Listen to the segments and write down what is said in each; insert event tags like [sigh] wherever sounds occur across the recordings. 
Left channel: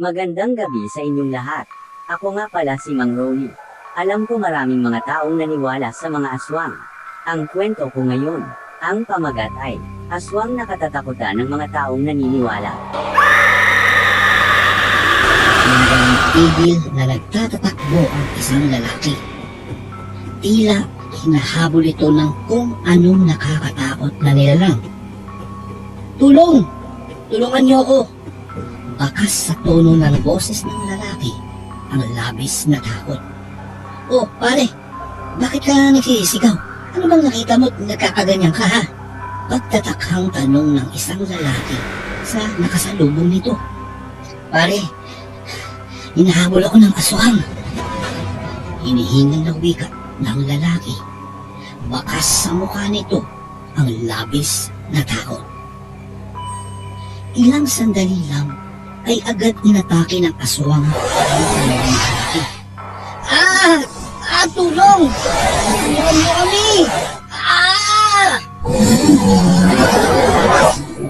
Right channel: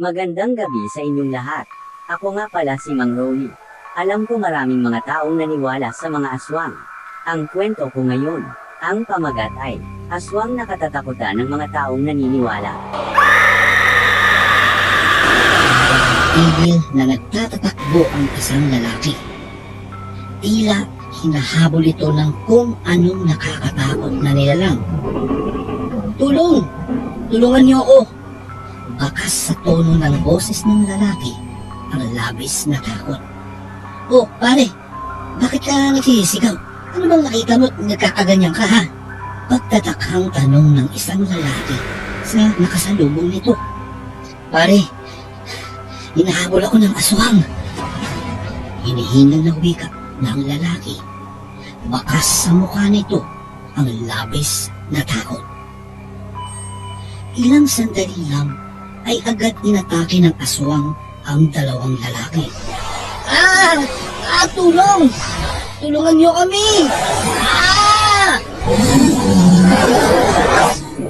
Magandang gabi sa inyong lahat. Ako nga pala si Mang Rolly. Alam ko maraming mga taong naniwala sa mga aswang. Ang kwento ko ngayon, ang pamagat ay, aswang na katatakutan ng mga taong naniniwala. Hanggang tigil na nagtatatakbo ang isang lalaki. Tila hinahabol ito ng kung anong nakakatakot na nilalang. Tulong! Tulungan niyo ako! Bakas sa tono ng boses ng lalaki ang labis na takot. Oh, pare! Bakit ka nagsisigaw? Ano bang nakita mo at nagkakaganyan ka ha? Pagtatakhang tanong ng isang lalaki sa nakasalubong nito. Pare, Hinahabol ako ng aswang. Hinihingal na wika ng lalaki. Bakas sa mukha nito ang labis na takot. Ilang sandali lang ay agad inatake ng aswang ang dalawang lalaki. Ah! Ah! Tulong! Tulungan niyo kami! Ah!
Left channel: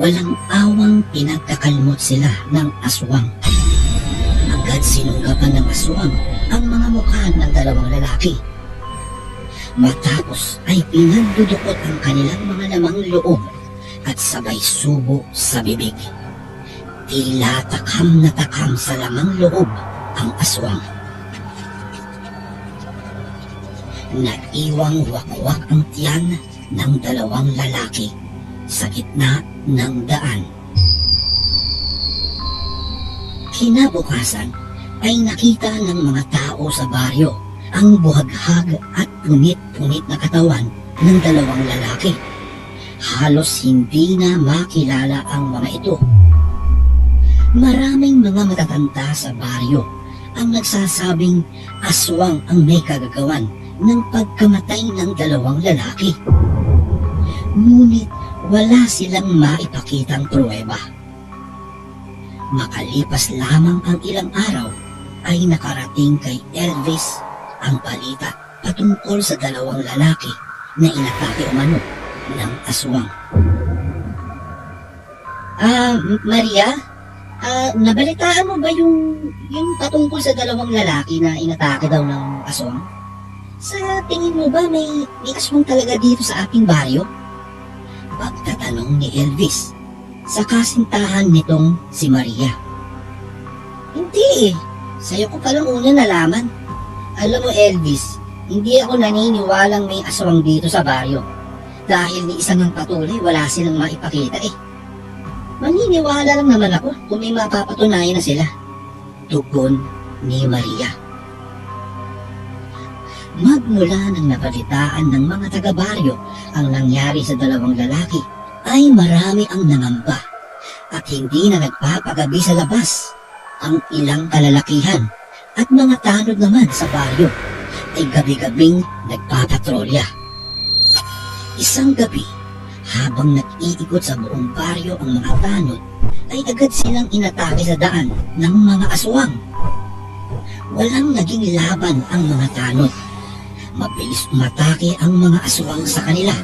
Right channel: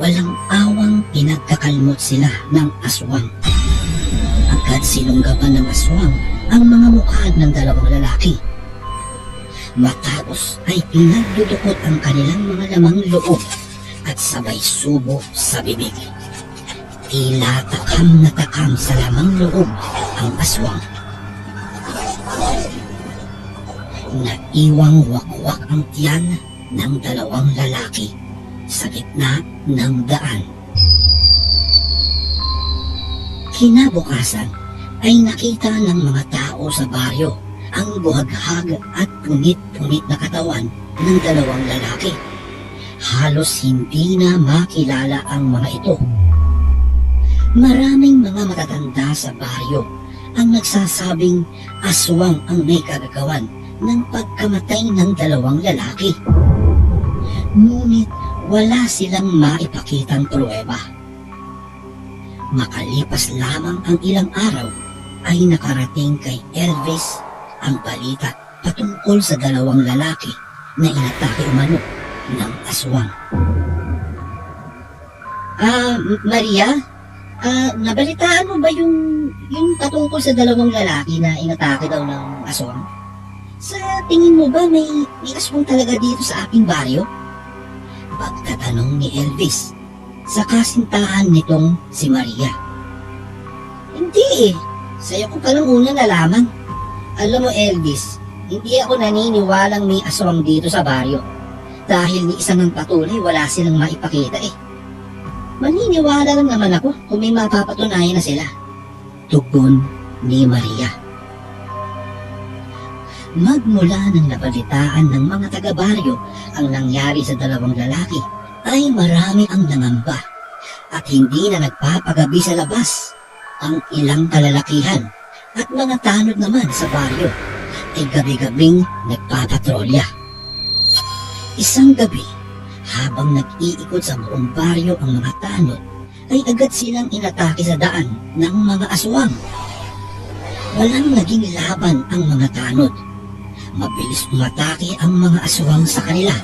Walang awang pinagkakalmot sila ng aswang agad sinunggapan ng aswang ang mga mukha ng dalawang lalaki. Matapos ay pinagdudukot ang kanilang mga lamang loob at sabay subo sa bibig. Tila takam na takam sa lamang loob ang aswang. Naiwang wakwak ang tiyan ng dalawang lalaki sa gitna ng daan. Kinabukasan ay nakita ng mga tao sa baryo ang buhaghag at punit-punit na katawan ng dalawang lalaki. Halos hindi na makilala ang mga ito. Maraming mga matatanda sa baryo ang nagsasabing aswang ang may kagagawan ng pagkamatay ng dalawang lalaki. Ngunit wala silang maipakitang pruweba. Makalipas lamang ang ilang araw ay nakarating kay Elvis ang balita patungkol sa dalawang lalaki na inatake umano ng aswang. Ah, Maria? Ah, nabalitaan mo ba yung, yung patungkol sa dalawang lalaki na inatake daw ng aswang? Sa tingin mo ba may, may aswang talaga dito sa ating baryo? Pagtatanong ni Elvis sa kasintahan nitong si Maria. Hindi eh. Sa'yo ko palang una nalaman. Alam mo Elvis, hindi ako naniniwalang may aswang dito sa baryo. Dahil ni isa ng patuloy, wala silang maipakita eh. Maniniwala lang naman ako kung may mapapatunayan na sila. Tugon ni Maria. Magmula nang nabalitaan ng mga taga-baryo ang nangyari sa dalawang lalaki, ay marami ang nangamba at hindi na nagpapagabi sa labas ang ilang kalalakihan at mga tanod naman sa baryo ay gabi-gabing nagpapatrolya. Isang gabi, habang nag-iikot sa buong baryo ang mga tanod, ay agad silang inatake sa daan ng mga aswang. Walang naging laban ang mga tanod. Mabilis umatake ang mga aswang sa kanila.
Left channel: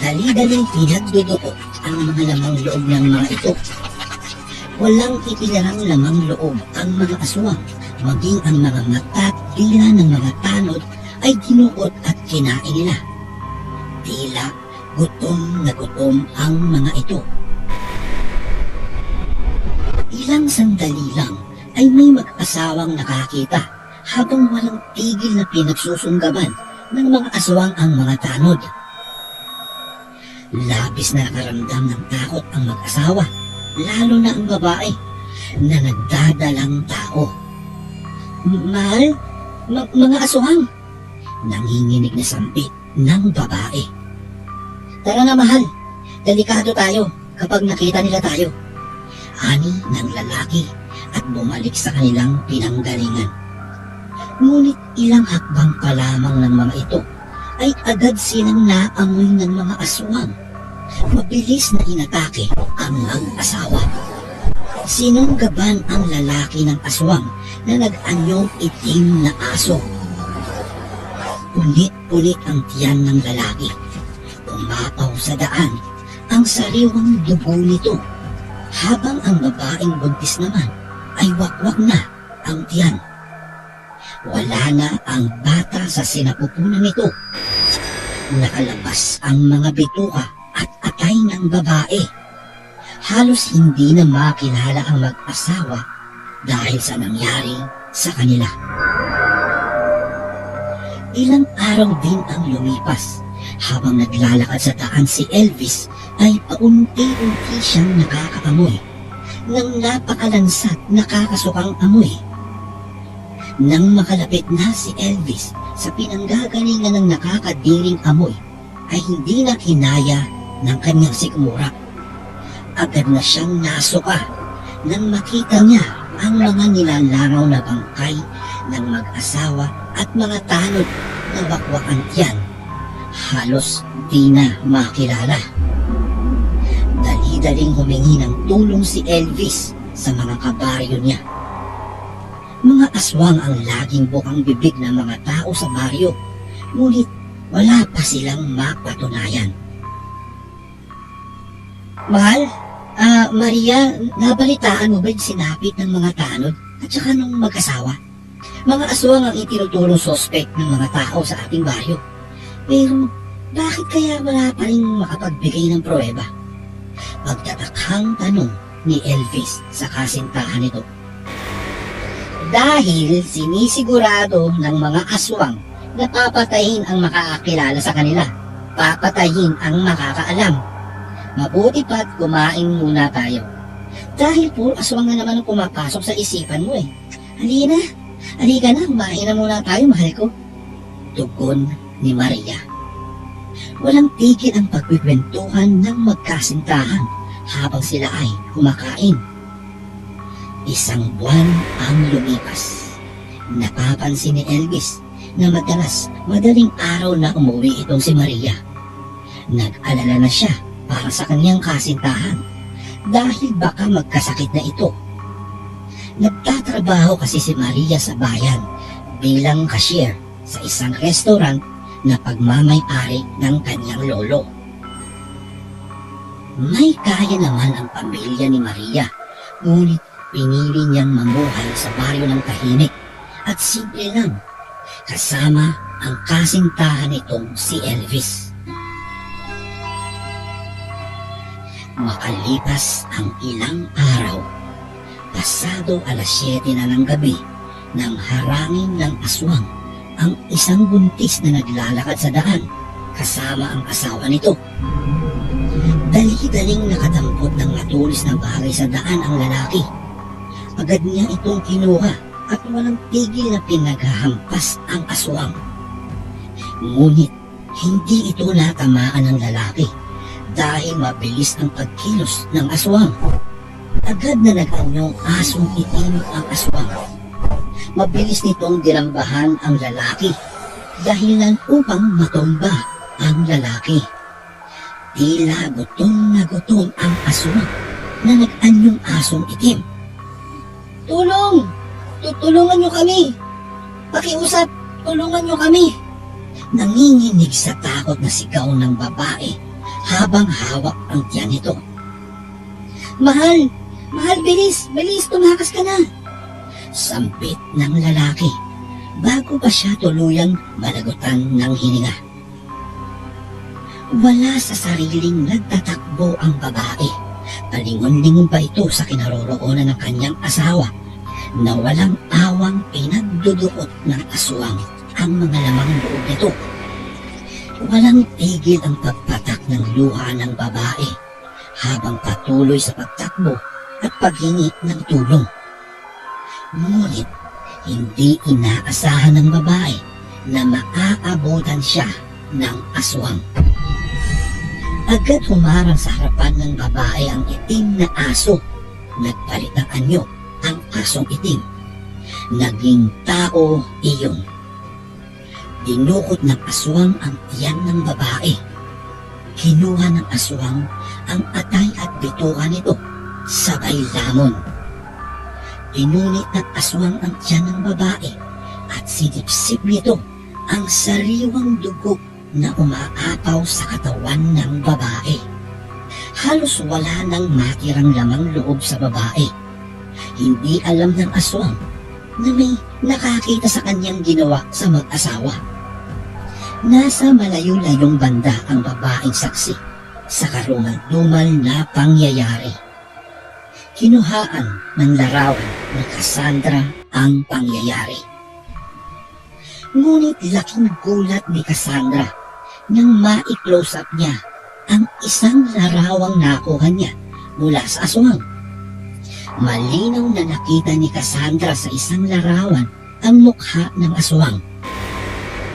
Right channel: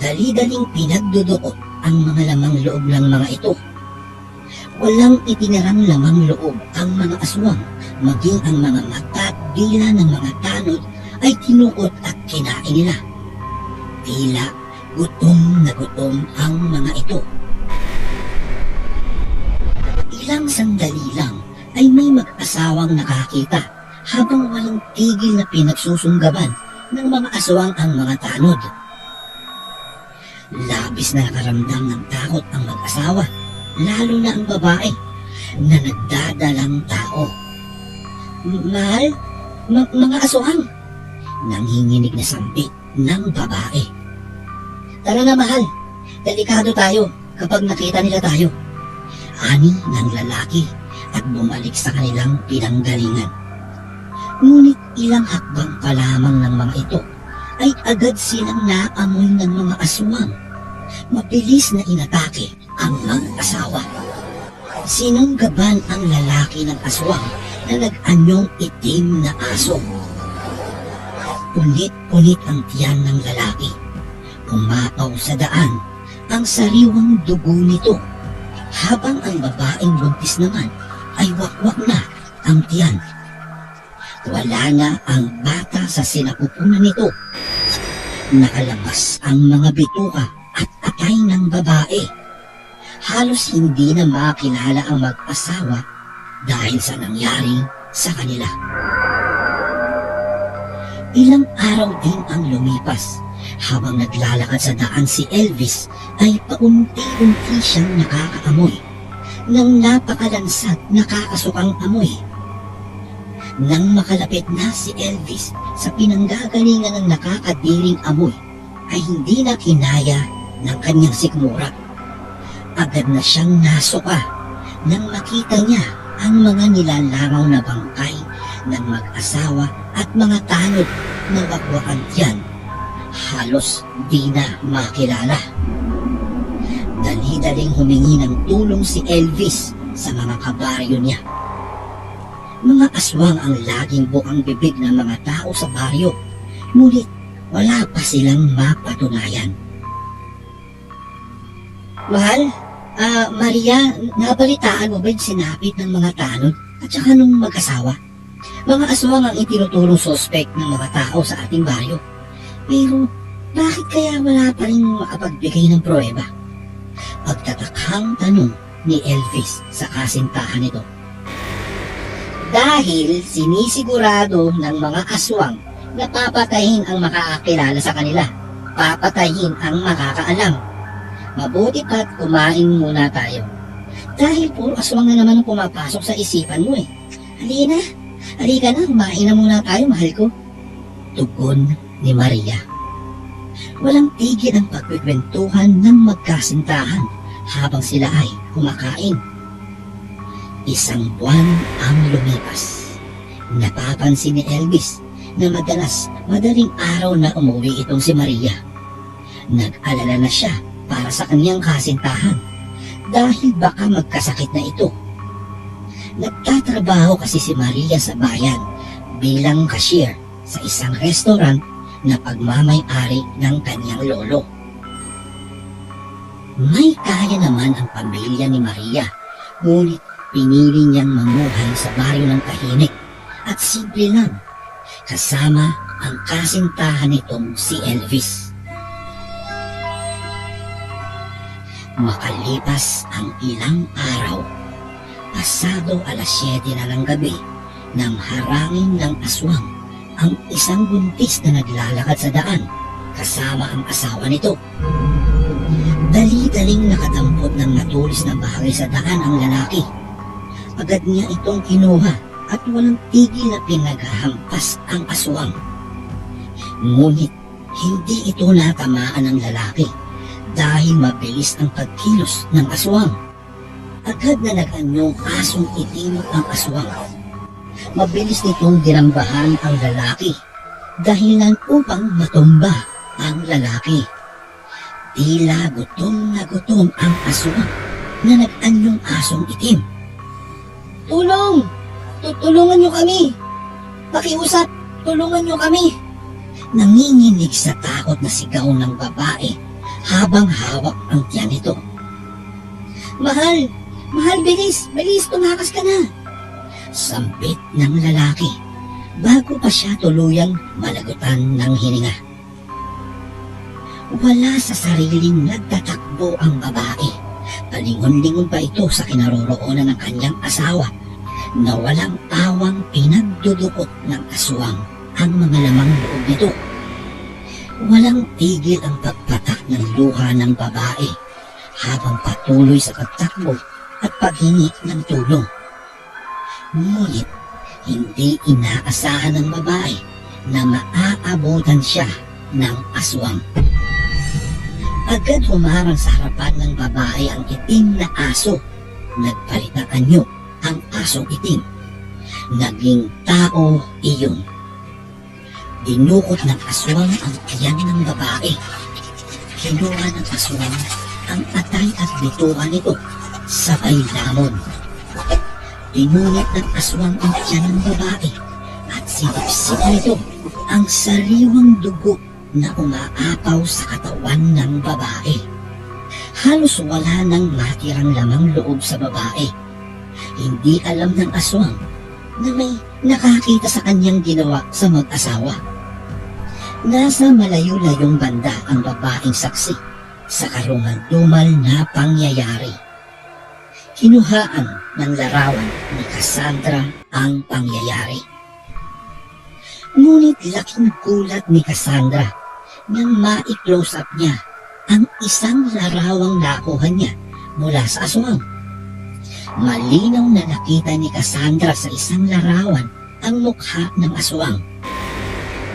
Dali-daling pinagdudukot ang mga lamang loob ng mga ito Walang itinarang lamang loob ang mga aswang, maging ang mga mata at dila ng mga tanod ay tinukot at kinain nila. Tila gutom na gutom ang mga ito. Ilang sandali lang ay may mag-asawang nakakita habang walang tigil na pinagsusunggaban ng mga aswang ang mga tanod. Labis na nakaramdam ng takot ang mag-asawa lalo na ang babae na nagdadalang tao. Mahal, ma- mga aswang, nanginginig na sambit ng babae. Tara na mahal, delikado tayo kapag nakita nila tayo. Ani ng lalaki at bumalik sa kanilang pinanggalingan. Ngunit ilang hakbang pa lamang ng mga ito ay agad silang naamoy ng mga aswang mabilis na inatake ang mag-asawa. Sinunggaban ang lalaki ng aswang na nag-anyong itim na aso. Punit-punit ang tiyan ng lalaki. Umapaw sa daan ang sariwang dugo nito habang ang babaeng buntis naman ay wakwak na ang tiyan. Wala na ang bata sa sinapupunan nito. Nakalabas ang mga bituka at atay ng babae. Halos hindi na makilala ang mag-asawa dahil sa nangyari sa kanila. Ilang araw din ang lumipas habang naglalakad sa daan si Elvis ay paunti-unti siyang nakakaamoy ng napakalansat nakakasukang amoy. Nang makalapit na si Elvis sa pinanggagalingan ng nakakatiring amoy, ay hindi na kinaya ng kanyang sikmura. Agad na siyang nasuka nang makita niya ang mga nilalangaw na bangkay ng mag-asawa at mga tanod na bakwakan tiyan. Halos di na makilala. Dali-daling humingi ng tulong si Elvis sa mga kabaryo niya. Mga aswang ang laging bukang bibig ng mga tao sa baryo, ngunit wala pa silang mapatunayan. Mahal, ah, Maria, nabalitaan mo ba yung sinapit ng mga tanod at saka nung mag-asawa? Mga aswang ang itinutulong suspect ng mga tao sa ating baryo. Pero bakit kaya wala pa rin makapagbigay ng pruweba? Pagtatakhang tanong ni Elvis sa kasintahan nito. Dahil sinisigurado ng mga aswang na papatayin ang makakakilala sa kanila. Papatayin ang makakaalam. Mabuti pa't kumain muna tayo. Dahil puro aswang na naman ang pumapasok sa isipan mo eh. Halina, halika na, kumain na muna tayo, mahal ko. Tugon ni Maria. Walang tigil ang pagkikwentuhan ng magkasintahan habang sila ay kumakain. Isang buwan ang lumipas. Napapansin ni Elvis na madalas madaling araw na umuwi itong si Maria. Nag-alala na siya para sa kanyang kasintahan dahil baka magkasakit na ito. Nagtatrabaho kasi si Maria sa bayan bilang cashier sa isang restaurant na pagmamay-ari ng kanyang lolo. May kaya naman ang pamilya ni Maria, ngunit pinili niyang mabuhay sa baryo ng tahimik at simple lang, kasama ang kasintahan nitong si Elvis. Makalipas ang ilang araw, pasado alas 7 na ng gabi, nang harangin ng aswang ang isang buntis na naglalakad sa daan kasama ang asawa nito. Dali-daling nakadampot ng natulis na bagay sa daan ang lalaki. Agad niya itong kinuha at walang tigil na pinaghahampas ang aswang. Ngunit hindi ito natamaan ng lalaki dahil mabilis ang pagkilos ng aswang. Agad na nag-anyong asong itim ang aswang. Mabilis nitong dirambahan ang lalaki dahilan upang matumba ang lalaki. Tila gutom na gutom ang aswang na nag-anyong asong itim. Tulong! Tutulungan niyo kami! Pakiusap, tulungan niyo kami! Nanginginig sa takot na sigaw ng babae habang hawak ang tiyan nito. Mahal! Mahal, bilis! Bilis, tumakas ka na! Sampit ng lalaki bago pa siya tuluyang malagutan ng hininga. Wala sa sariling nagtatakbo ang babae. Palingon-lingon pa ito sa kinaroroonan ng kanyang asawa na walang awang pinagduduot ng aswang ang mga lamang loob nito. Walang tigil ang pagpatak ng luha ng babae habang patuloy sa pagtakbo at paghingi ng tulong. Ngunit hindi inaasahan ng babae na maaabutan siya ng aswang. Agad humarang sa harapan ng babae ang itim na aso. Nagpalit ng anyo ang asong itim. Naging tao iyon. Inukot ng aswang ang tiyan ng babae. Kinuha ng aswang ang atay at bituhan nito sabay lamon. Pinunit ng aswang ang tiyan ng babae at sinipsip nito ang sariwang dugo na umaapaw sa katawan ng babae. Halos wala nang matirang lamang loob sa babae. Hindi alam ng aswang na may nakakita sa kanyang ginawa sa mag-asawa. Nasa malayo-layong banda ang babaeng saksi sa karumal-dumal na pangyayari. Kinuhaan ng larawan ni Cassandra ang pangyayari. Ngunit laking gulat ni Cassandra nang ma-close up niya ang isang larawang nakuha niya mula sa aswang. Malinaw na nakita ni Cassandra sa isang larawan ang mukha ng aswang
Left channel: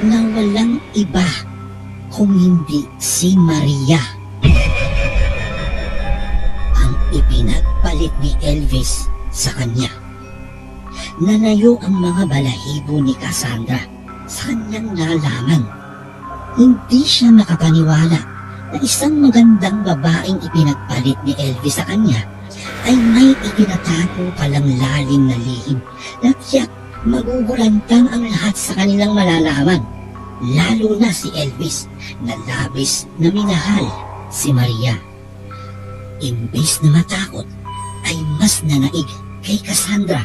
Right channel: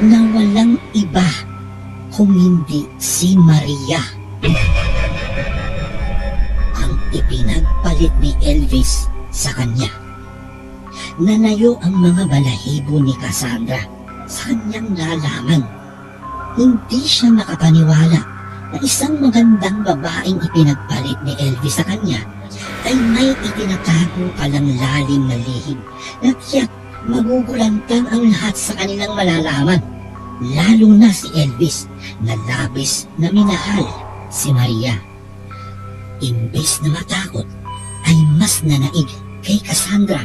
na walang iba kung hindi si Maria. Ipinagpalit ni Elvis sa kanya. Nanayo ang mga balahibo ni Cassandra sa kanyang nalaman. Hindi siya makapaniwala na isang magandang babaeng ipinagpalit ni Elvis sa kanya ay may itinatago palang lalim na lihim na tiyak magugulantang ang lahat sa kanilang malalaman. Lalo na si Elvis na labis na minahal si Maria. Imbis na matakot ay mas nanaig kay Cassandra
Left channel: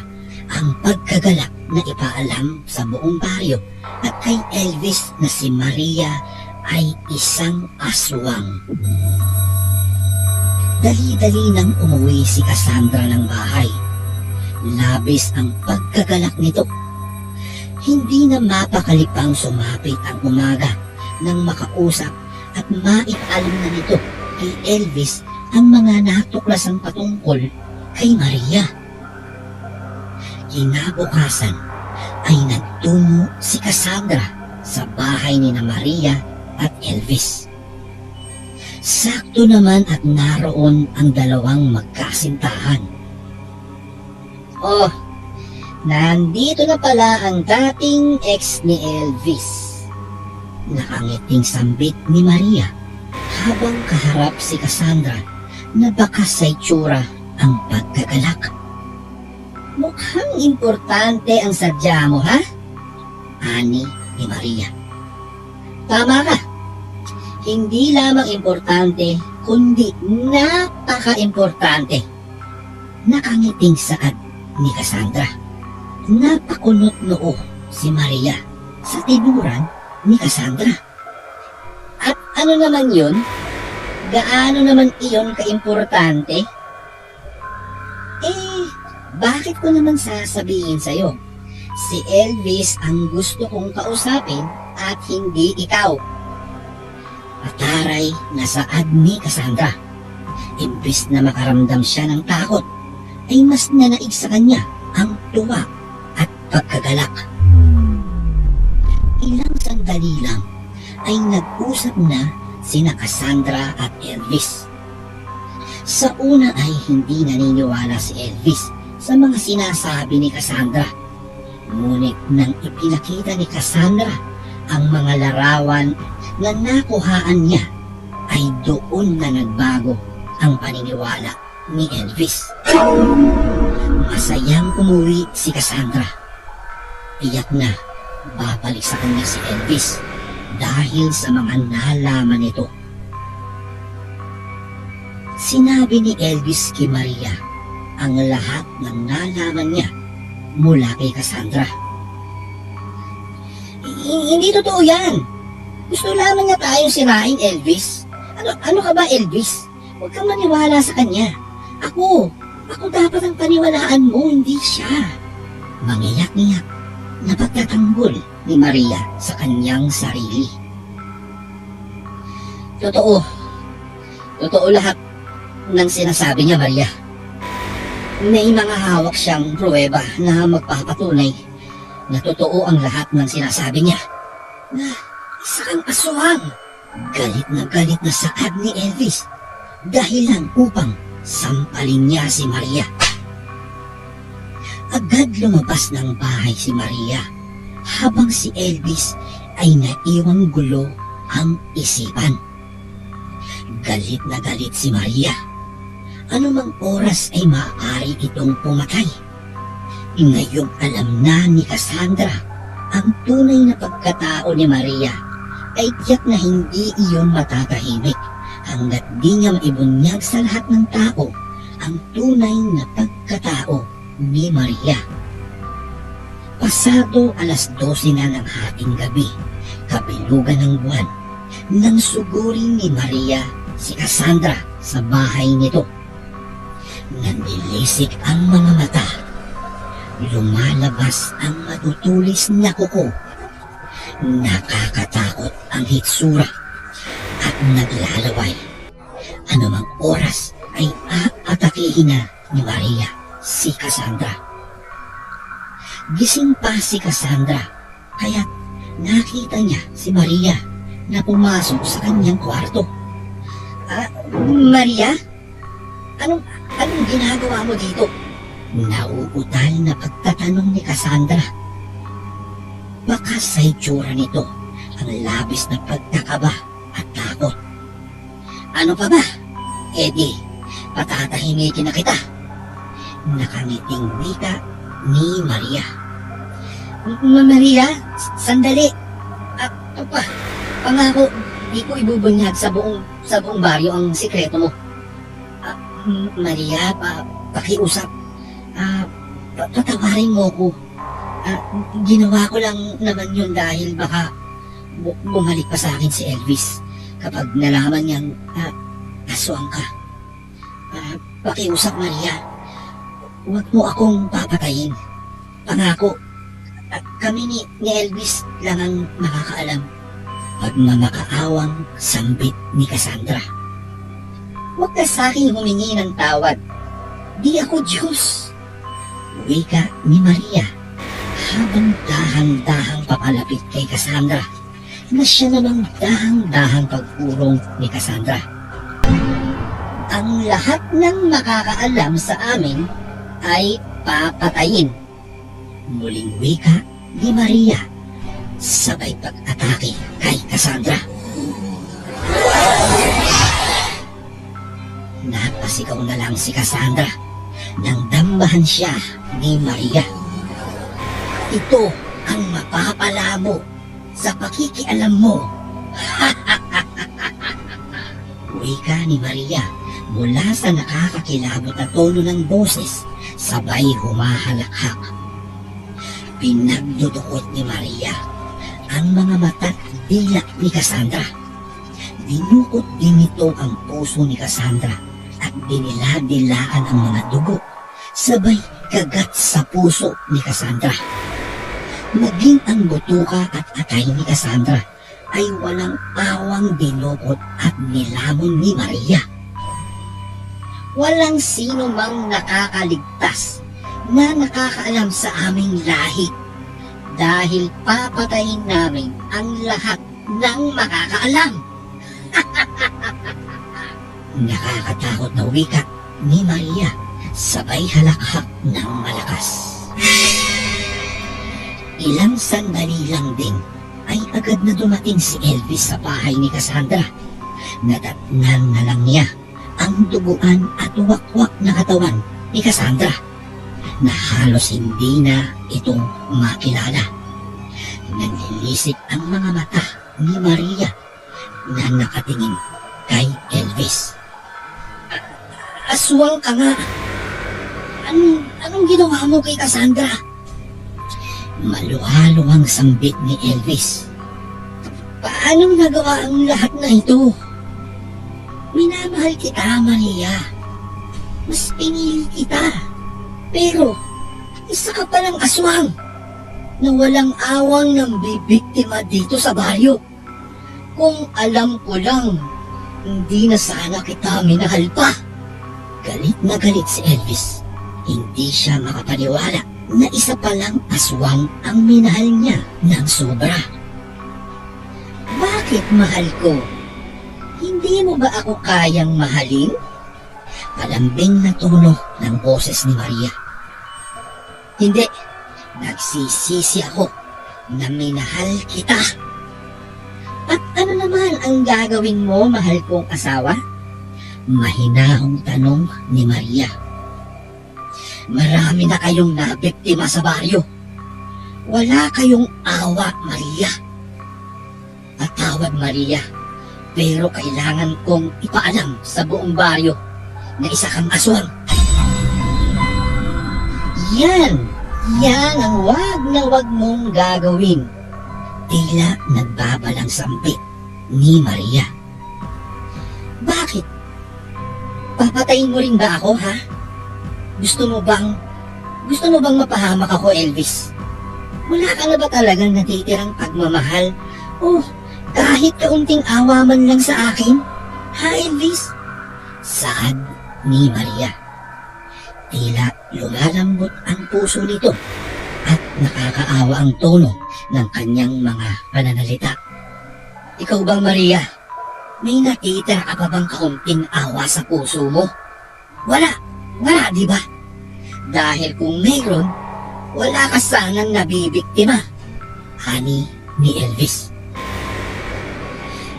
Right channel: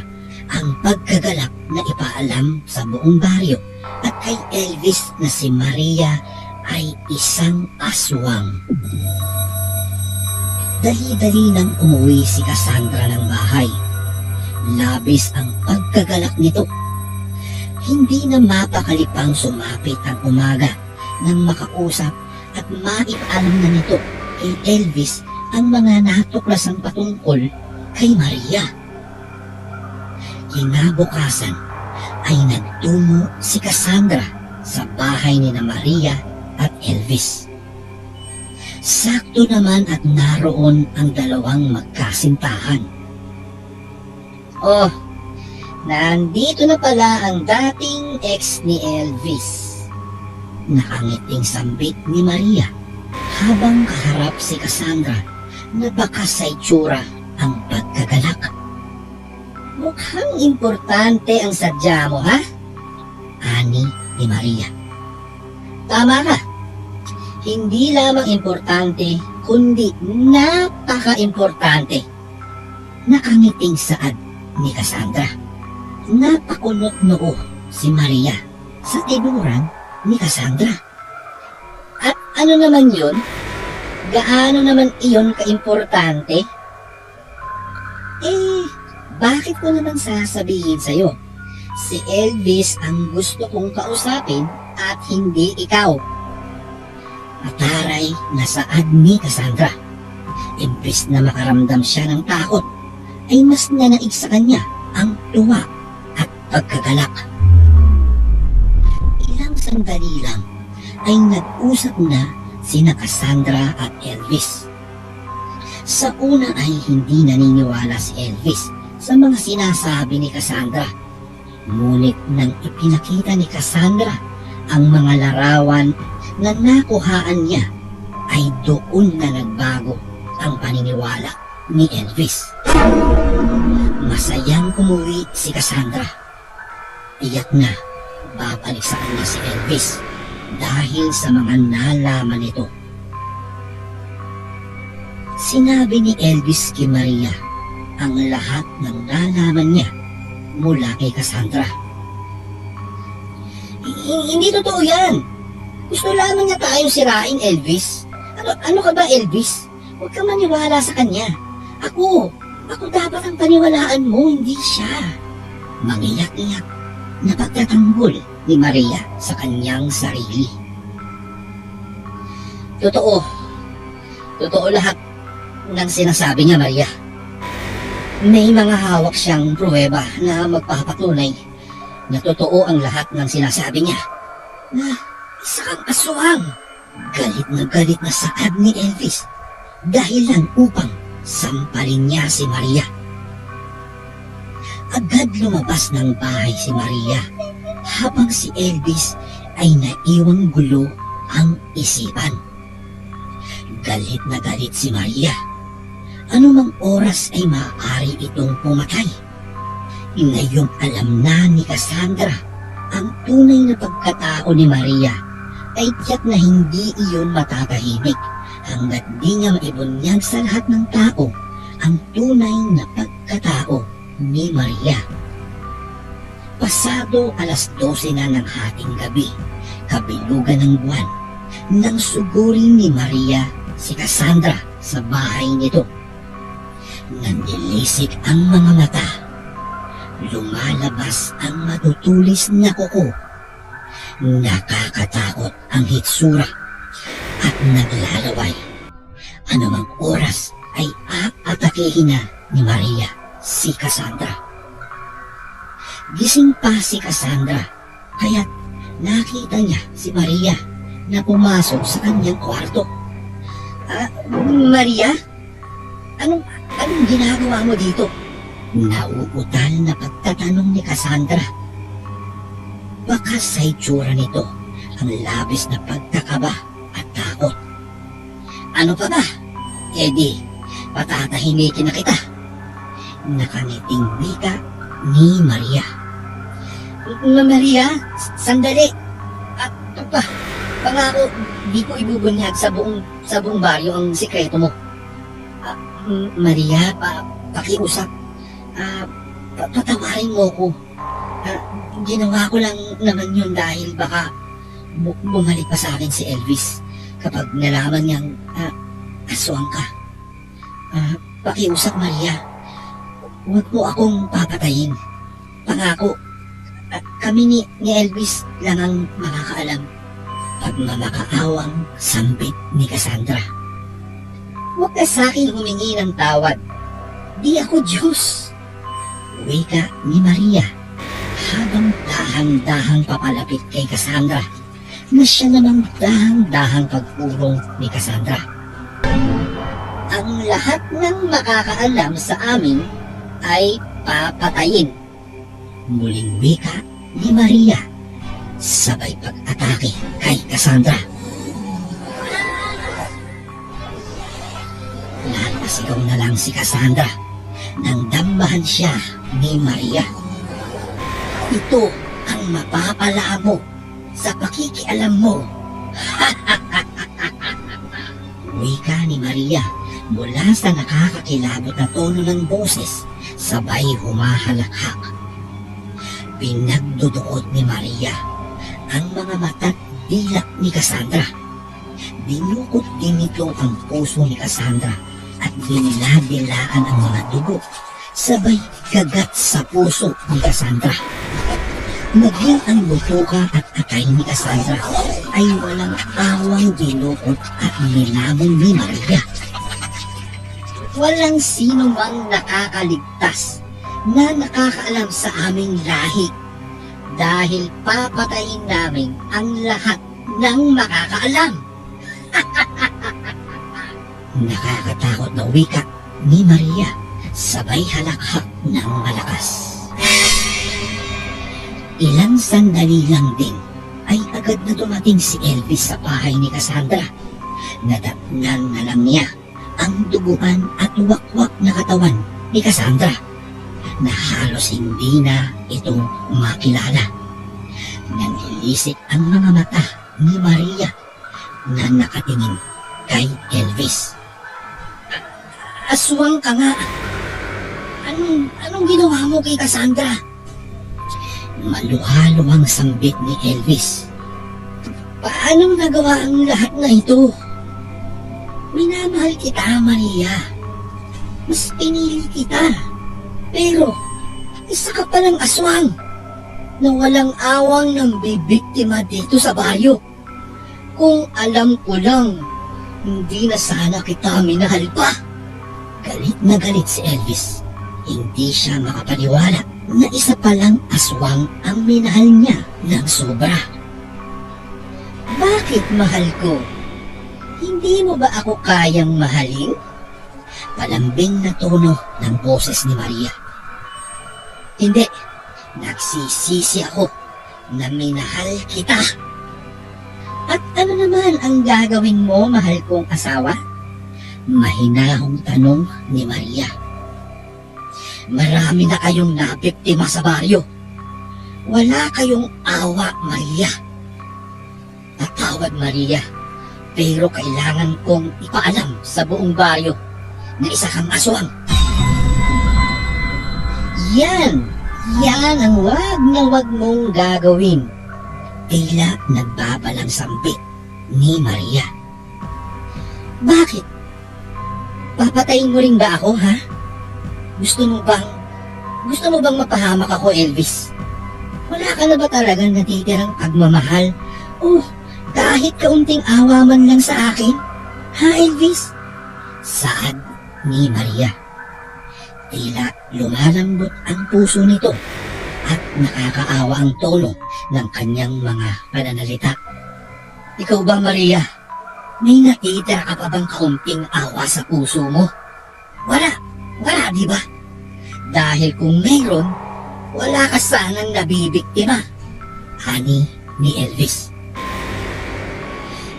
ang pagkagalak na ipaalam sa buong baryo at kay Elvis na si Maria ay isang aswang. Dali-dali nang umuwi si Cassandra ng bahay. Labis ang pagkagalak nito. Hindi na mapakalipang sumapit ang umaga nang makausap at maipalam na nito kay Elvis ang mga natuklasang patungkol kay Maria. Kinabukasan ay nagtungo si Cassandra sa bahay ni na Maria at Elvis. Sakto naman at naroon ang dalawang magkasintahan. Oh, nandito na pala ang dating ex ni Elvis. Nakangiting sambit ni Maria habang kaharap si Cassandra na bakas sa itsura ang pagkagalak. Mukhang importante ang sadya mo, ha? Ani ni Maria. Tama ka. Hindi lamang importante, kundi napaka-importante. Nakangiting saad ni Cassandra. Napakunot noo si Maria sa tinuran ni Cassandra. At ano naman yun? Gaano naman iyon kaimportante? Eh, bakit ko naman sasabihin sa'yo? Si Elvis ang gusto kong kausapin at hindi ikaw. Mataray na saad ni Cassandra. Imbis na makaramdam siya ng takot, ay mas nanaig sa kanya ang tuwa at pagkagalak. Ilang sandali lang ay nag-usap na sina Cassandra at Elvis. Sa una ay hindi naniniwala si Elvis sa mga sinasabi ni Cassandra. Ngunit nang ipinakita ni Cassandra ang mga larawan na nakuhaan niya, ay doon na nagbago ang paniniwala ni Elvis. Masayang umuwi si Cassandra. Iyak na babalik sa kanya si Elvis dahil sa mga nalaman nito. Sinabi ni Elvis kay Maria ang lahat ng nalaman niya mula kay Cassandra. Hindi totoo yan. Gusto lamang niya tayong sirain, Elvis. Ano, ano ka ba, Elvis? Huwag kang maniwala sa kanya. Ako, ako dapat ang paniwalaan mo, hindi siya. Mangiyak-iyak na pagtatanggol ni Maria sa kanyang sarili. Totoo. Totoo lahat ng sinasabi niya, Maria. May mga hawak siyang pruweba na magpapatunay na totoo ang lahat ng sinasabi niya. Na isa kang aswang. Galit na galit na saad ni Elvis dahilan upang sampalin niya si Maria. Agad lumabas ng bahay si Maria habang si Elvis ay naiwang gulo ang isipan. Galit na galit si Maria. Anumang oras ay maaari itong pumatay. Ngayong alam na ni Cassandra ang tunay na pagkatao ni Maria ay tiyak na hindi iyon matatahimik hanggat di niya maibunyag sa lahat ng tao ang tunay na pagkatao ni Maria. Pasado alas 12 na ng hating gabi, kabilugan ng buwan, nang sugurin ni Maria si Cassandra sa bahay nito. Nandilisik ang mga mata. Lumalabas ang matutulis na kuko. Nakakatakot ang hitsura at naglalaway. Anumang oras ay aatakihin na ni Maria si Cassandra. Gising pa si Cassandra, kaya nakita niya si Maria na pumasok sa kanyang kwarto. Ah, Maria? Anong, anong ginagawa mo dito? Nauutal na pagtatanong ni Cassandra. Baka sa itsura nito ang labis na pagkakaba at takot. Ano pa ba? Eddie, patatahimikin na kita. Nakangiting wika ni Maria. Ma Maria, sandali. At pa, pangako, di ko ibubunyag sa buong sa buong baryo ang sikreto mo. M- Maria, pa, pakiusap. Pa- patawarin mo ko. Ah, ginawa ko lang naman yun dahil baka bu- bumalik pa sa akin si Elvis kapag nalaman niyang ah, aswang ka. Ah, pakiusap, Maria. Huwag mo akong papatayin. Pangako, kami ni, ni Elvis lang ang makakaalam. Pagmamakaawang sambit ni Cassandra. Huwag ka sa akin humingi ng tawad. Di ako Diyos. Wika ni Maria habang dahang-dahang papalapit kay Cassandra na siya namang dahang-dahang pagpurong ni Cassandra. Ang lahat ng makakaalam sa amin ay papatayin. Muling wika ni Maria sabay pag-atake kay Cassandra. Napasigaw na lang si Cassandra nang dambahan siya ni Maria. Ito ang mapapalabo sa pakikialam mo. [laughs] Wika ni Maria mula sa nakakakilabot na tono ng boses sabay humahalakhak. Pinagdudukot ni Maria ang mga mata't dilak ni Cassandra. Dinukot din nito ang puso ni Cassandra at diniladilaan ang mga dugo sabay kagat sa puso ni Cassandra. Maging ang butuka at atay ni Cassandra ay walang awang dinukot at nilamon ni Maria. Walang sino mang nakakaligtas na nakakaalam sa aming lahi dahil papatayin namin ang lahat ng makakaalam. [laughs] Nakakatakot na wika ni Maria sabay halakhak ng malakas. Ilang sandali lang din ay agad na dumating si Elvis sa bahay ni Cassandra. Nadatnan na lang niya ang duguan at wakwak na katawan ni Cassandra na halos hindi na itong makilala. Nanilisik ang mga mata ni Maria na nakatingin kay Elvis. Aswang ka nga. Anong, anong ginawa mo kay Cassandra? Maluhalo ang sambit ni Elvis. Paano nagawa ang lahat na ito? Minamahal kita, Maria. Mas pinili kita. Pero, isa ka palang aswang na walang awang ng bibiktima dito sa baryo. Kung alam ko lang, hindi na sana kita minahal pa. Galit na galit si Elvis. Hindi siya makapaniwala na isa palang aswang ang minahal niya ng sobra. Bakit mahal ko? Hindi mo ba ako kayang mahalin? Palambing na tono ng boses ni Maria. Hindi. Nagsisisi ako na minahal kita. At ano naman ang gagawin mo, mahal kong asawa? Mahinahong tanong ni Maria. Marami na kayong nabiktima sa baryo. Wala kayong awa, Maria. Patawad, Maria. Pero kailangan kong ipaalam sa buong baryo na isa kang aswang. Yan! Yan ang wag na wag mong gagawin. Tila nagbabalang sampit ni Maria. Bakit? Papatayin mo rin ba ako, ha? Gusto mo bang, gusto mo bang mapahamak ako, Elvis? Wala ka na ba talagang natitirang pagmamahal? O kahit kaunting awa man lang sa akin? Ha, Elvis? Saad ni Maria. Tila lumalambot ang puso nito at nakakaawa ang tono ng kanyang mga pananalita. Ikaw ba, Maria? May natitira ka pa bang kaunting awa sa puso mo? Wala. Wala, di ba? Dahil kung mayroon, wala ka sanang nabibiktima. Hani ni Elvis.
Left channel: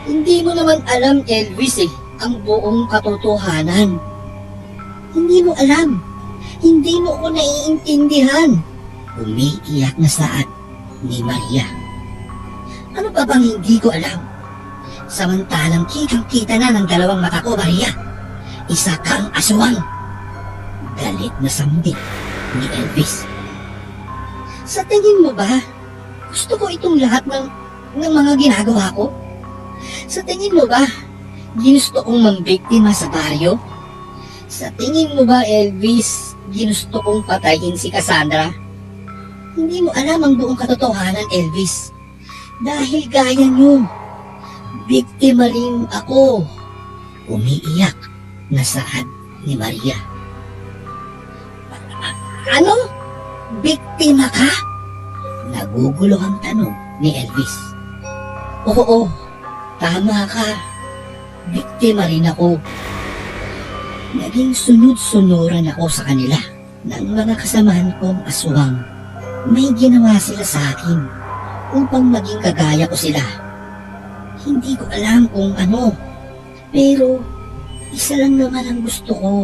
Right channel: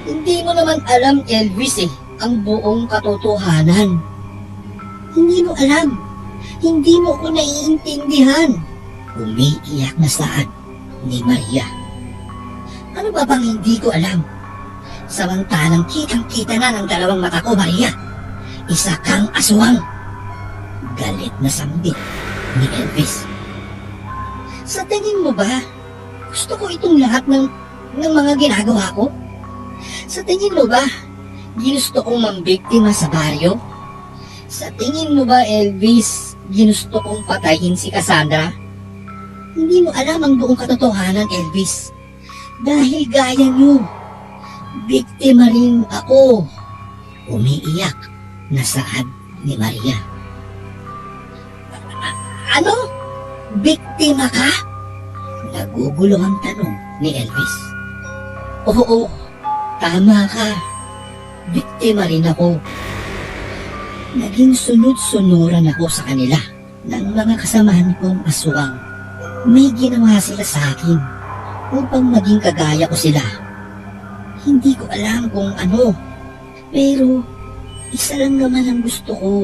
Hindi mo naman alam, Elvis eh, ang buong katotohanan. Hindi mo alam. Hindi mo ko naiintindihan. Umiiyak na saan ni Maria. Ano ba bang hindi ko alam? Samantalang kitang-kita na ng dalawang mata ko, Maria. Isa kang aswang. Galit na sambit ni Elvis. Sa tingin mo ba, gusto ko itong lahat ng, ng mga ginagawa ko? Sa tingin mo ba, ginusto kong mambiktima sa baryo? Sa tingin mo ba, Elvis, ginusto kong patayin si Cassandra? Hindi mo alam ang buong katotohanan, Elvis. Dahil gaya niyo, biktima rin ako. Umiiyak na saad ni Maria. Ano? Biktima ka? Nagugulo ang tanong ni Elvis. Oo, tama ka. Biktima rin ako. Naging sunod-sunuran ako sa kanila ng mga kasamahan kong aswang. May ginawa sila sa akin upang maging kagaya ko sila. Hindi ko alam kung ano, pero isa lang naman ang gusto ko.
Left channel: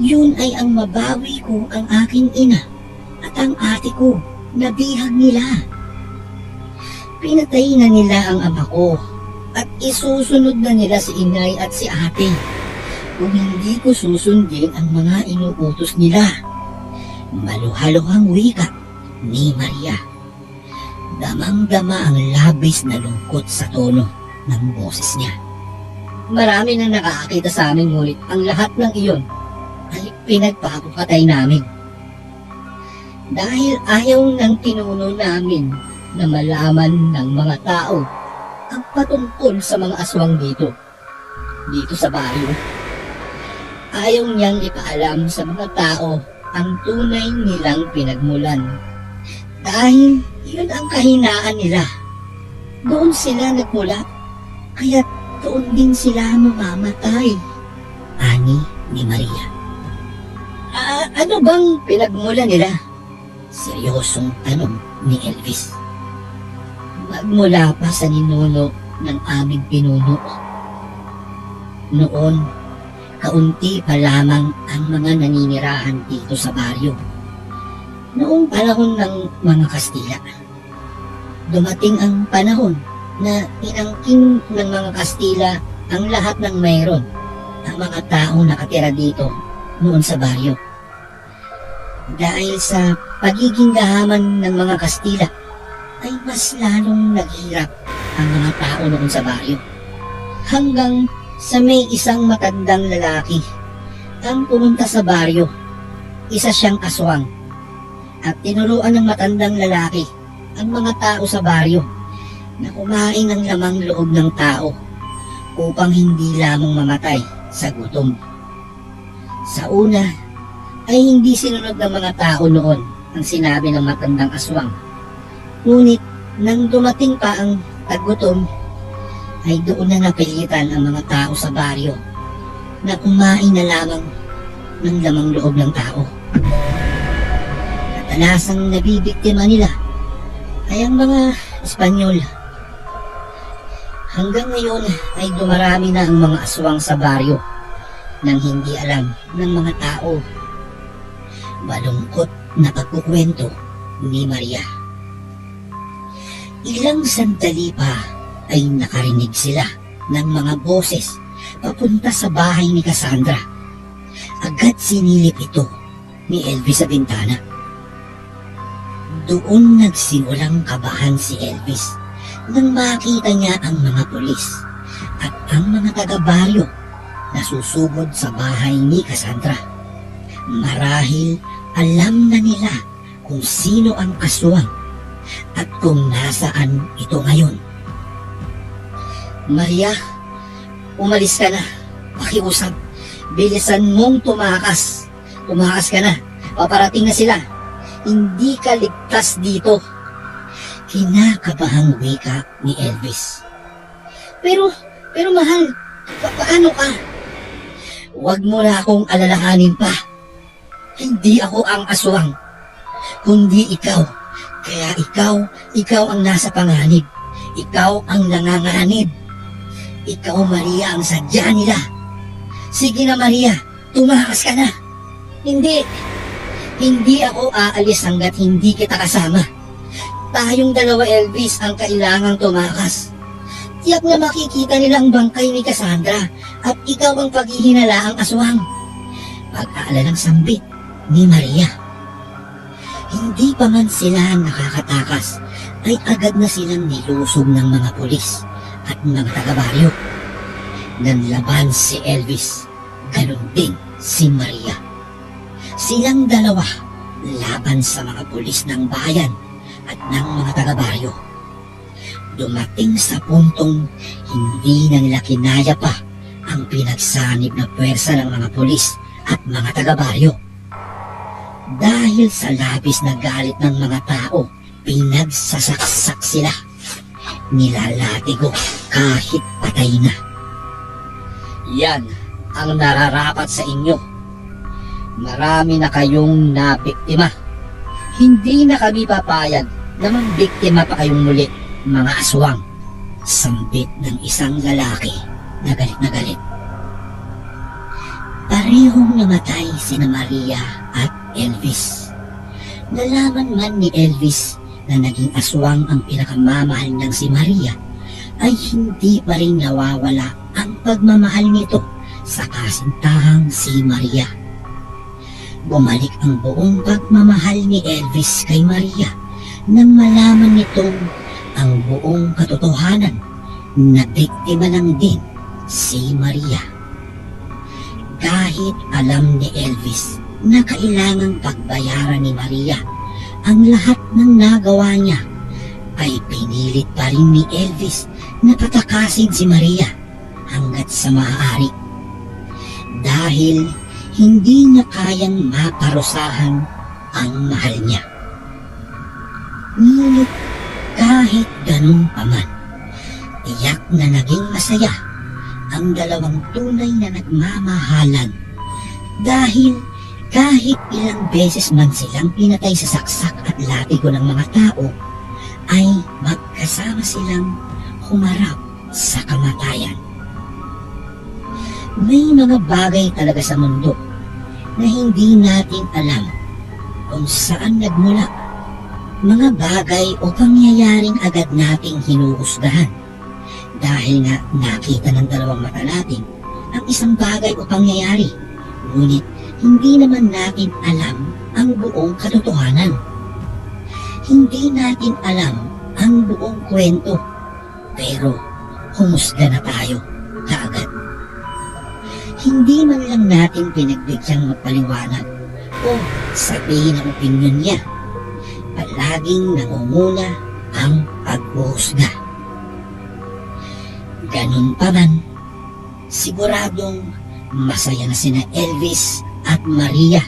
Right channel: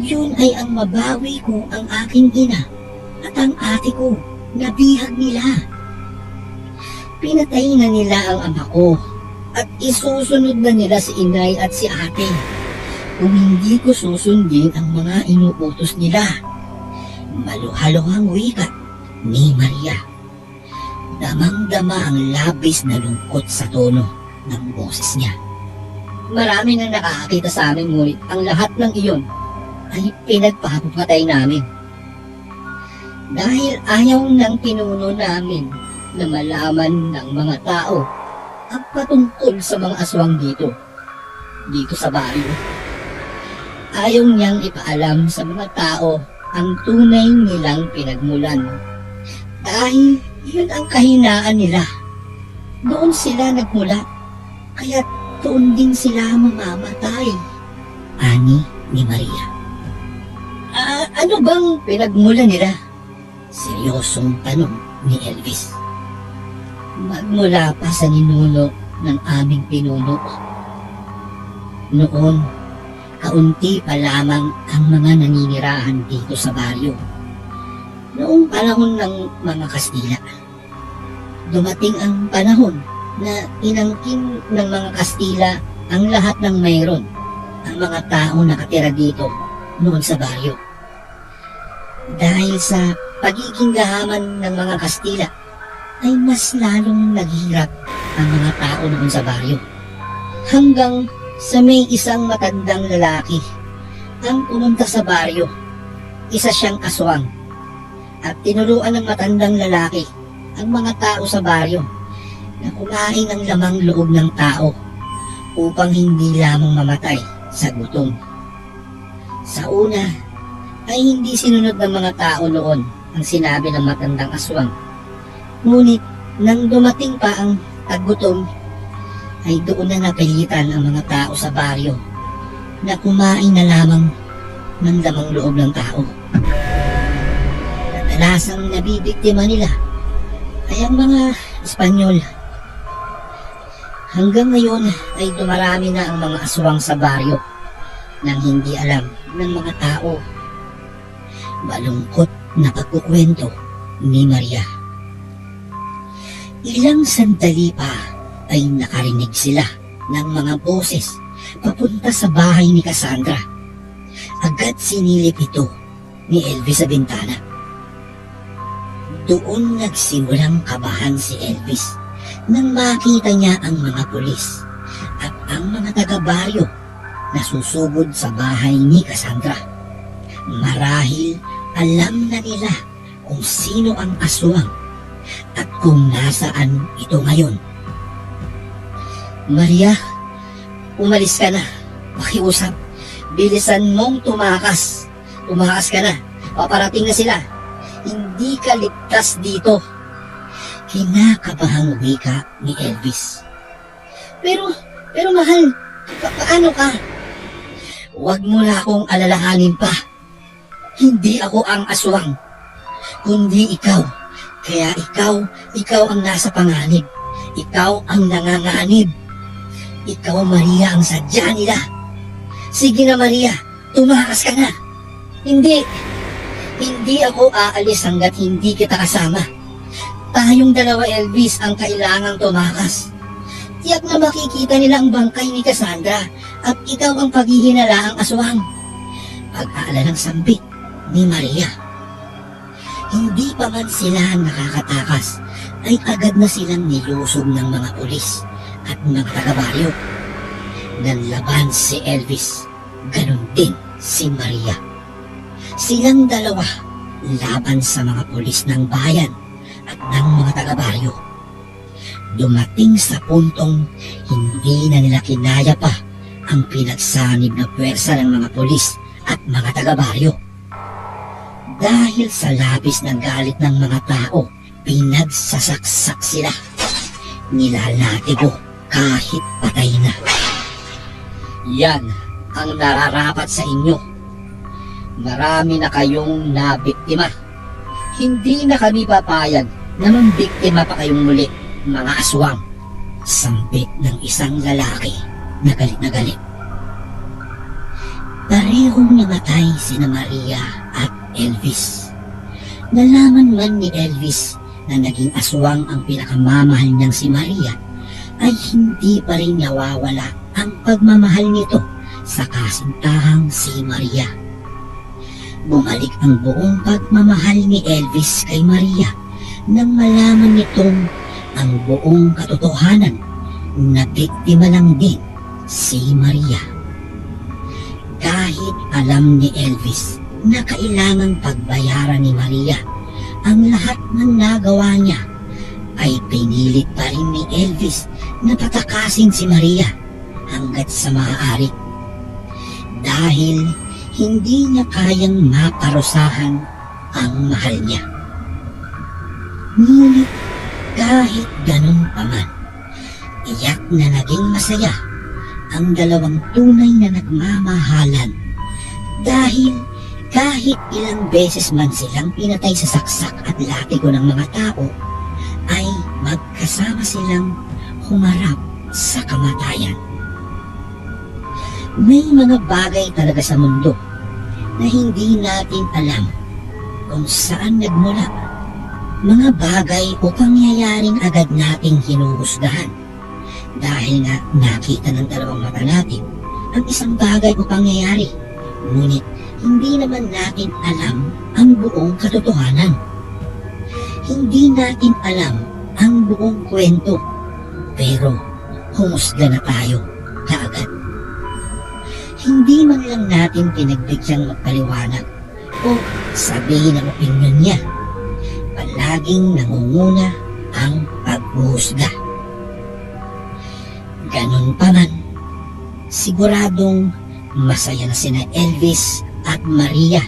Yun ay ang mabawi ko ang aking ina at ang ate ko na bihag nila. Pinatay na nila ang ama ko at isusunod na nila si inay at si ate kung hindi ko susundin ang mga inuutos nila. Maluhaluhang wika ni Maria. Damang-dama ang labis na lungkot sa tono ng boses niya. Marami nang nakakakita sa amin ngunit ang lahat ng iyon ay pinagpapatay namin. Dahil ayaw ng pinuno namin na malaman ng mga tao ang patungkol sa mga aswang dito. Dito sa baryo. Ayaw niyang ipaalam sa mga tao ang tunay nilang pinagmulan. Dahil yun ang kahinaan nila. Doon sila nagmula. Kaya doon din sila mamamatay. Ani ni Maria. Ano bang pinagmula nila? Seryosong tanong ni Elvis. Magmula pa sa ninuno ng aming pinuno. Noon, kaunti pa lamang ang mga naninirahan dito sa baryo. Noong panahon ng mga Kastila, dumating ang panahon na inangkin ng mga Kastila ang lahat ng mayroon ang mga tao nakatira dito noon sa baryo. Dahil sa pagiging gahaman ng mga Kastila, ay mas lalong naghirap ang mga tao noon sa baryo. Hanggang sa may isang matandang lalaki ang pumunta sa baryo. Isa siyang aswang at tinuruan ng matandang lalaki ang mga tao sa baryo na kumain ng lamang loob ng tao upang hindi lamang mamatay sa gutom. Sa una, ay hindi sinunod ng mga tao noon ang sinabi ng matandang aswang. Ngunit nang dumating pa ang taggutom, ay doon na napilitan ang mga tao sa baryo na kumain na lamang ng lamang loob ng tao. Kadalasang nabibiktima nila ay ang mga Espanyol. Hanggang ngayon ay dumarami na ang mga aswang sa baryo nang hindi alam ng mga tao. Malungkot na pagkukwento ni Maria. Ilang sandali pa ay nakarinig sila ng mga boses papunta sa bahay ni Cassandra. Agad sinilip ito ni Elvis sa bintana. Doon nagsimulang kabahan si Elvis nang makita niya ang mga pulis at ang mga taga-baryo na susugod sa bahay ni Cassandra. Marahil alam na nila kung sino ang aswang at kung nasaan ito ngayon. Maria, umalis ka na. Pakiusap. Bilisan mong tumakas. Tumakas ka na. Paparating na sila. Hindi ka ligtas dito. Kinakabahang wika ni Elvis. Pero, pero mahal, pa- paano ka? Huwag mo na akong alalahanin pa. Hindi ako ang aswang, kundi ikaw. Kaya ikaw, ikaw ang nasa panganib. Ikaw ang nanganganib. Ikaw, Maria, ang sadya nila. Sige na, Maria. Tumakas ka na. Hindi. Hindi ako aalis hanggat hindi kita kasama. Tayong dalawa, Elvis, ang kailangang tumakas. Tiyak na makikita nila ang bangkay ni Cassandra at ikaw ang paghihinala ang aswang. Pag-aala ng sambit ni Maria. Hindi pa man sila nakakatakas ay agad na silang nilusob ng mga pulis at mga taga-baryo. Nanlaban si Elvis, ganun din si Maria. Silang dalawa laban sa mga pulis ng bayan at ng mga taga-baryo. Dumating sa puntong hindi na nila kinaya pa ang pinagsanib na pwersa ng mga pulis at mga taga-baryo. Dahil sa labis na galit ng mga tao, pinagsasaksak sila. Nilalatigo kahit patay na. Yan ang nararapat sa inyo. Marami na kayong nabiktima. Hindi na kami papayag na mambiktima pa kayong muli, mga aswang. Sambit ng isang lalaki na galit na galit. Parehong namatay sina Maria at Elvis. Nalaman man ni Elvis na naging aswang ang pinakamamahal niyang si Maria, ay hindi pa rin nawawala ang pagmamahal nito sa kasintahang si Maria. Bumalik ang buong pagmamahal ni Elvis kay Maria nang malaman nitong ang buong katotohanan na biktima lang din si Maria. Kahit alam ni Elvis na kailangang pagbayaran ni Maria ang lahat ng nagawa niya, ay pinilit pa rin ni Elvis na patakasin si Maria hanggat sa maaari. Dahil hindi niya kayang maparusahan ang mahal niya. Ngunit kahit ganun pa man, tiyak na naging masaya ang dalawang tunay na nagmamahalan dahil kahit ilang beses man silang pinatay sa saksak at latigo ng mga tao, ay magkasama silang humarap sa kamatayan. May mga bagay talaga sa mundo na hindi natin alam kung saan nagmula. Mga bagay o pangyayaring agad nating hinuhusgahan dahil nga nakita ng dalawang mata natin ang isang bagay o pangyayari. Ngunit hindi naman natin alam ang buong katotohanan. Hindi natin alam ang buong kwento, pero humusga na tayo kaagad. Hindi man lang natin pinagbigyan magpaliwanag o sabihin ang opinion niya. Palaging nangunguna ang paghuhusga. Ganun pa man, siguradong masaya na sina Elvis at Maria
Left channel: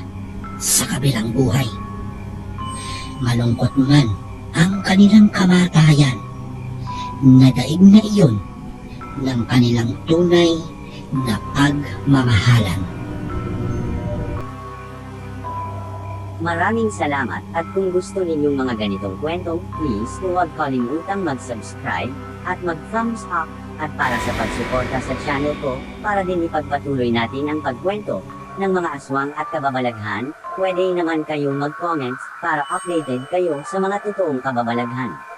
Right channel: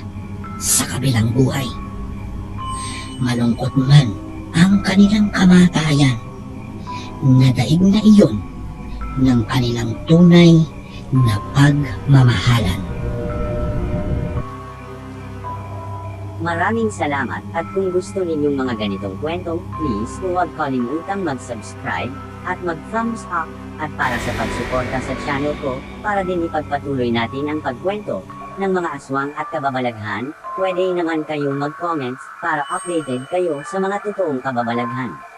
sa kabilang buhay. Malungkot man ang kanilang kamatayan, nadaig na iyon ng kanilang tunay na pagmamahalan. Maraming salamat at kung gusto ninyong mga ganitong kwento, please huwag kalimutang mag-subscribe at mag-thumbs up at para sa pagsuporta sa channel ko, para din ipagpatuloy natin ang pagkwento ng mga aswang at kababalaghan, pwede naman kayong mag-comments para updated kayo sa mga totoong kababalaghan.